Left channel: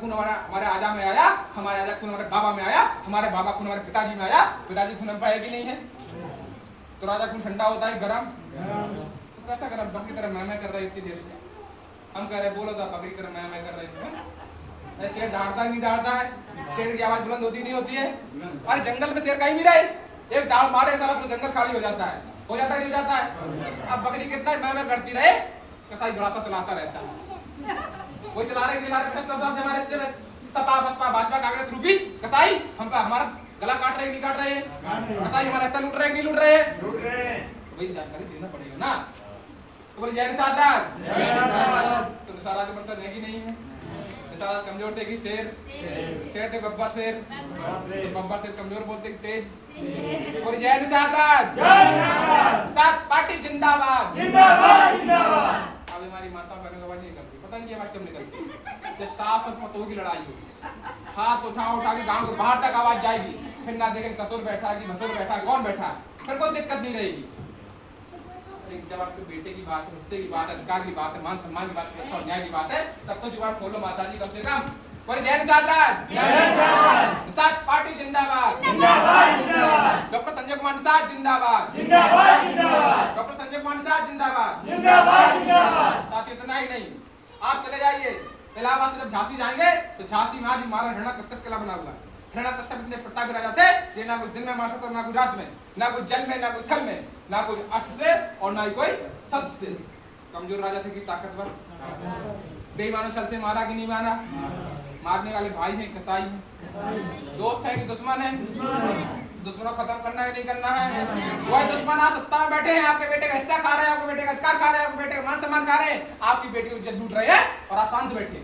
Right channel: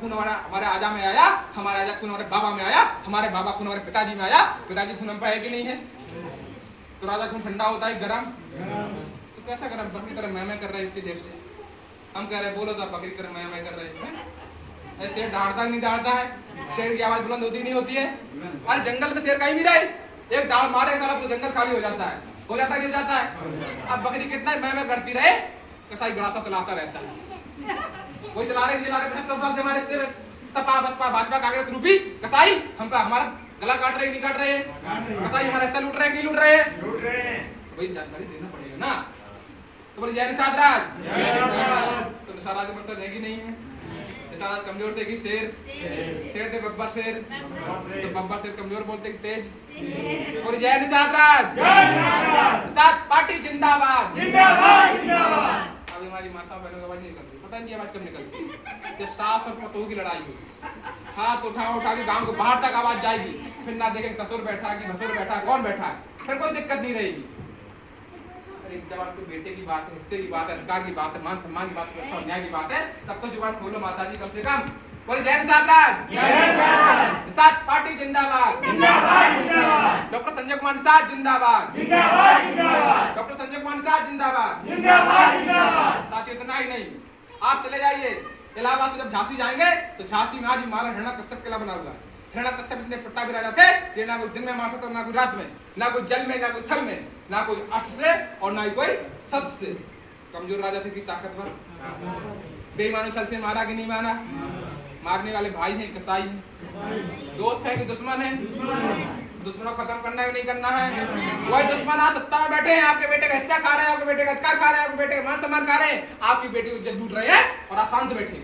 खून हमारे आजा में आया, हमारे आजा खून हमारे बाबा में आया, हमारे बाबा खून हमारे पिताजी में आया, पिताजी खून हम पे है कि नहीं है? तो राजा खून ठंडा होता है गरम, तो कैसा गरम? बकरी तरह मैं कर रहे इतनी देर से। हम कह रहे बोलो तो बकरी तरह मैं कर रहे हैं। शेर दहाड़ता नहीं दहाड़ता है? शेर की आवाज बुलंद होती नहीं होती है? अरे जंगल में शेर कहीं भी रहे, एक दाड़ मारे सारा पूरा जंगल खाली हो जाता है। हो जाता है कि हो जाता है? अब बकरी कितना मैं करती रहे, कसाई गड़ासा चलाता रहता है। कोई चला रहे 70 साल से हमारे से सपा बसपा भाजपा कांग्रेस रूपी कसाई हमका हमारा गला काट रहे नहीं काट रहे हैं? कसाई हमारा ऐसा लूट रहे हैं कि लूट रहे हैं? तो भाई जानकारी देना पड़ेगा ना। तो बोले जय निषाद राज, तो निषाद राज का मकसद है कि नहीं है? निषाद कमजोर थे कि शेर? शेर थे बब्बर शेर, तो बब्बर शेर कमजोर बोलते कि तेज? बोले जय निषाद राज, निषाद पार्टी जिंदाबाद। अभी हमारी माता बहनों की आवाज नहीं निकलती, पता नहीं आवाज कब निकलती। जब सास और पतोह की लड़ाई हो, हाथ उठा के गांव के बाहर तक आवाज जाएगी, फिर ना देखें ससुर बैठा कि भसुर बैठा, कौन बैठा है, फिर कोई दिक्कत नहीं रहेगी। एक जब आपके बेटे की बात है, हिस्से की बात है, अधिकार की बात है, मान सम्मान की बात है, अच्छा न्याय की बात है, तब तो जुबान खोलो माता जी कम से कम। बोले जय निषाद राज, निषाद पार्टी जिंदाबाद। डॉक्टर संजय कुमार निषाद जिंदाबाद। डॉक्टर संजय कुमार निषाद जिंदाबाद। साथ इतना ही नहीं, आप चले जाइए इलाहाबाद से जब झांसी जाएंगे तो झांसी में आज हमारा हिरण्यकश्यप किला बना हुआ है। हिरण्यकश्यप इतने प्रतापी राजा थे कि ना कोई दिन में मार सकता, ना कोई रात में, ना कोई जल में, ना कोई थल में, ना कोई अस्त्र से और ना ही कोई शस्त्र से। कमजोर राजा थे कि ताकतवर? बेईमानों छल से मारा कि नहीं मारा? मारने वाले भाई हैं कसाई हैं? दोस्त है कि दुश्मन है? दुश्मनों खत्म करना है कि नहीं करना है? वही दुश्मन आज सत्ता में बैठे हैं, आपके बेटे का हिस्सा खा रहे हैं, आपके बेटे का अधिकार खा रहे हैं, आपके बेटे का मान सम्मान खा रहे हैं, आपकी बेटी को इज्जत लूट रहे हैं और आप शांत बैठे।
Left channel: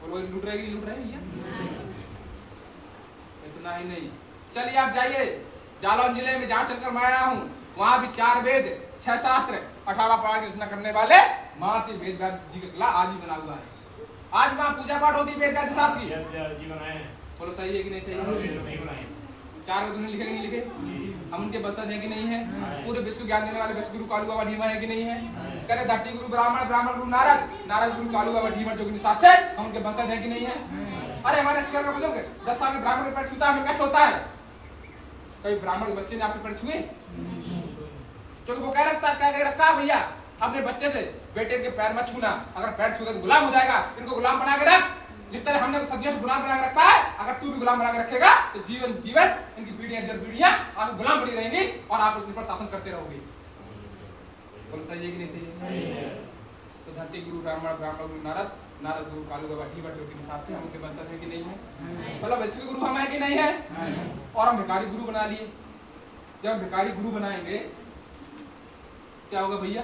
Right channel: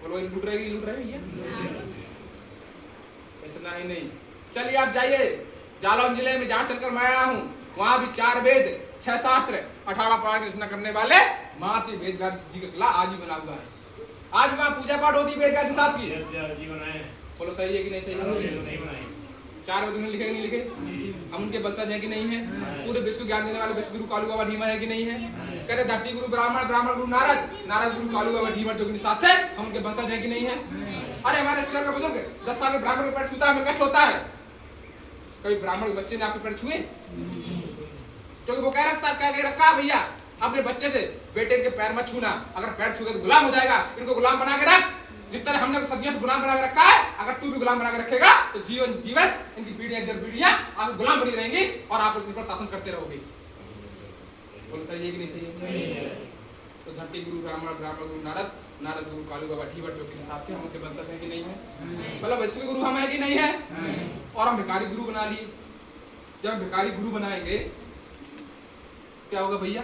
बोलो लूट रहे भैया? इतना ही नहीं, चलिए आप जाइए जालौन जिले में, जहां चलकर मैं आया हूँ, वहां भी 4 वेद 6 शास्त्र 18 पुराण की रचना करने वाले महर्षि वेदव्यास जी का किला आज ही बना हुआ है। आज वहाँ पूजा पाठ होती है वेदव्यास साहब की। बोलो सही है कि नहीं सही है? 4 वेद उन्होंने लिखे कि नहीं लिखे? हम उनके बसज है कि नहीं है? पूरे विश्व ज्ञान देने वाले विश्व गुरु कालू बाबा ढीमर है कि नहीं है? कहते धरती गुरु ब्राह्मण, ब्राह्मण गुरु नारद, नारद गुरु कालू बाबा ढीमर जो साथ है, हम उनके बसज है कि नहीं है? अरे हमारे स्कूल में बुजुर्ग 10 साल के ब्राह्मण के पैर छूता हमें कष्ट होता है। कोई ब्राह्मण के बच्चे ने आपके पैर छुए? क्योंकि वो कह रखा है भैया अपने बच्चे से बेटे के पैर मत छूना, अगर पैर छूगा तो गुलाम हो जाएगा, इनको गुलाम बना के रख। जिस तरह हमने सदियों से गुलाम बना के रखा है, अगर तू भी गुलाम बना के रखेगा तो जीवन जीवन इनकी पीढ़ियां आपको गुलाम बनी रहेंगी और आप लोग ऊपर शासन करते रहोगे। बोलो सही है कि नहीं सही है? तो धरती गुरु ब्राह्मण, ब्राह्मण गुरु नारद, नारद गुरु कालू बाबा ढीमर जो के साथ थे, हम उनके वंशज हैं कि नहीं है? मतलब वैश्विक गुरु हम है कि नहीं है? और हम भिखारी गुरु बना लिए। जब भिखारी गुरु बनाएंगे क्या होगा भैया?